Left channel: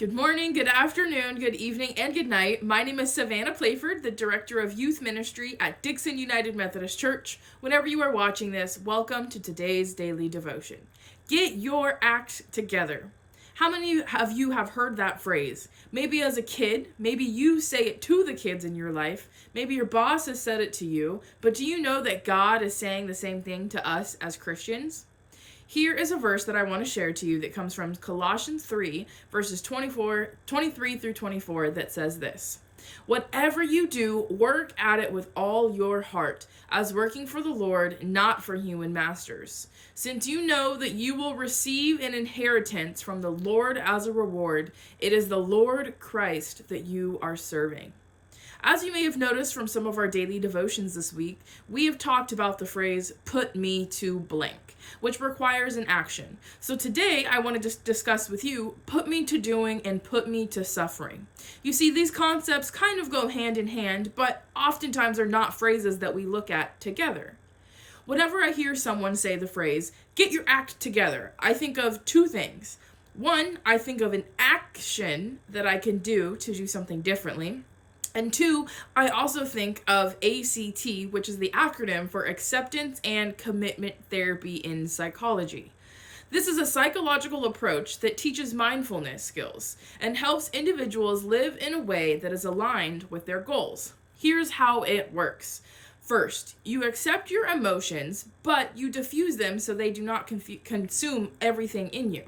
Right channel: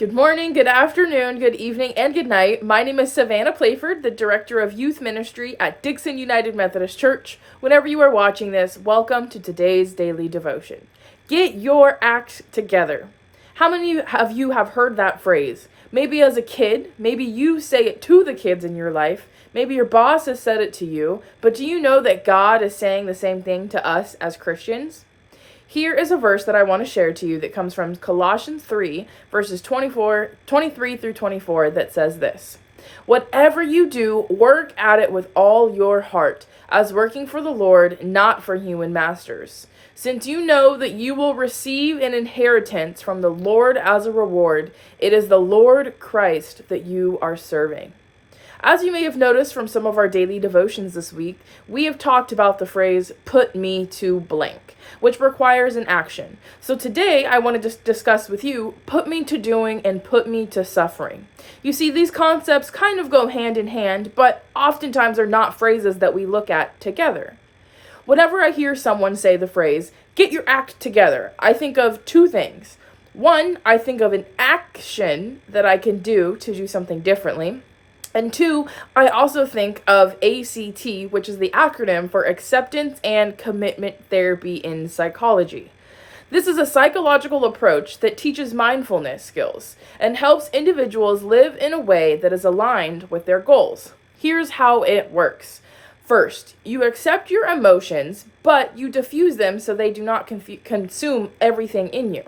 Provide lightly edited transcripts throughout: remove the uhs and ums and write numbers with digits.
Good morning, good afternoon, good evening, and good night. My name is Savannah Playford, the Director of Youth Ministry at Dixon United Methodist Church. Whenever you are watching this, welcome to today's daily devotion. Get your act together. How many of you have heard that phrase? Maybe as a kid, maybe you say it to the kids in your life, maybe your boss has said it to you, but do you know that God is saying the same thing to us as Christians? Here is a verse that I want to share to you that comes from Colossians 3, verses 23 through 24, that says this: "Whatever you do, work at it with all your heart, as working for the Lord, not for human masters, since you know that you will receive an inheritance from the Lord as a reward. It is the Lord Christ that you are serving." As you may have noticed from some of our daily devotions this week, we have talked about the phrase, "put me to blank," which requires an action. So today I want to discuss with you, "put me to doing" and "put me to suffering." You see, these concepts kind of go hand in hand, but oftentimes are not phrases that we look at together. Whenever I hear someone say the phrase, "get your act together," I think of two things. One, I think of an action that I can do to do something differently. And two, I also think of ACT, which is the acronym for Acceptance and Commitment Therapy in Psychology. This is a psychological approach that teaches mindfulness skills and helps individuals live in a way that is aligned with their goals. Here's how it works. First, you accept your emotions, but you diffuse them so they do not consume everything in you.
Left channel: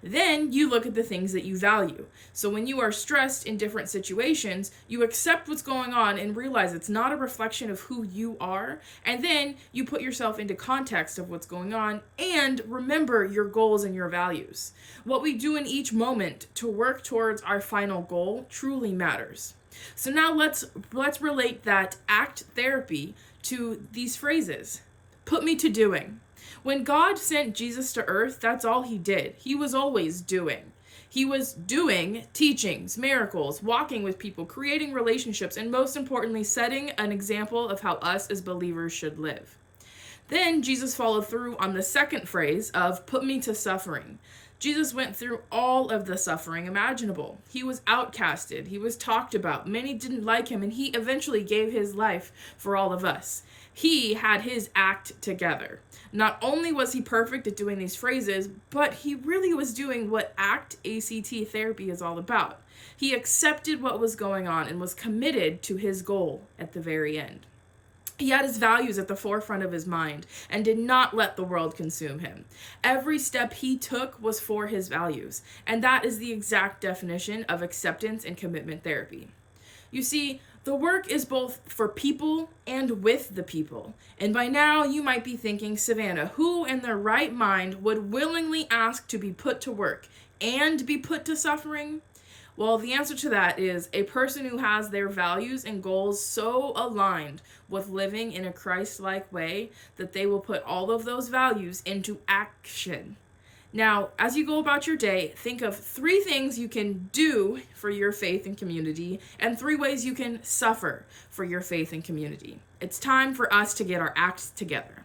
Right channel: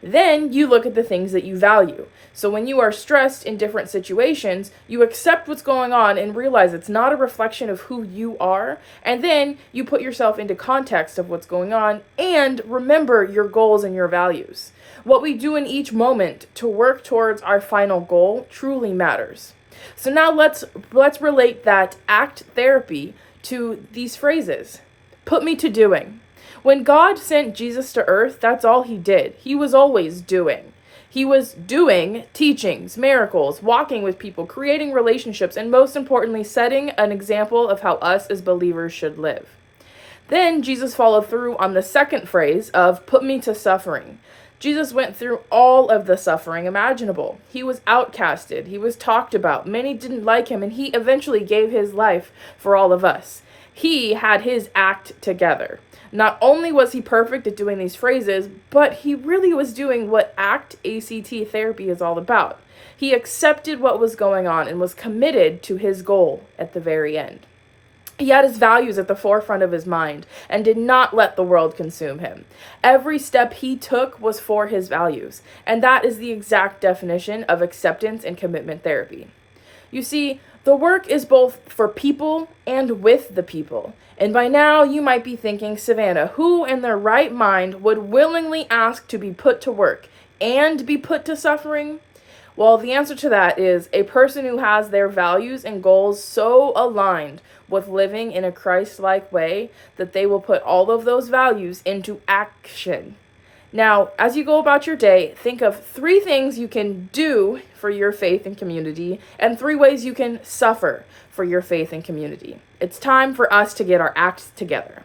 Then you look at the things that you value. So when you are stressed in different situations, you accept what's going on and realize it's not a reflection of who you are. And then you put yourself into context of what's going on and remember your goals and your values. What we do in each moment to work towards our final goal truly matters. So now let's relate that ACT therapy to these phrases. Put me to doing. When God sent Jesus to earth, that's all he did. He was always doing. He was doing teachings, miracles, walking with people, creating relationships, and most importantly, setting an example of how us as believers should live. Then Jesus followed through on the second phrase of "put me to suffering." Jesus went through all of the suffering imaginable. He was outcasted. He was talked about. Many didn't like him, and he eventually gave his life for all of us. He had his act together. Not only was he perfect at doing these phrases, but he really was doing what ACT therapy is all about. He accepted what was going on and was committed to his goal at the very end. He had his values at the forefront of his mind and did not let the world consume him. Every step he took was for his values, and that is the exact definition of acceptance and commitment therapy. You see, the work is both for people and with the people. And by now you might be thinking, "Savannah, who in their right mind would willingly ask to be put to work and be put to suffering?" Well, the answer to that is a person who has their values and goals so aligned with living in a Christ-like way that they will put all of those values into action. Now, as you go about your day, think of 3 things you can do for your faith and community and 3 ways you can suffer for your faith and community. It's time for us to get our acts together.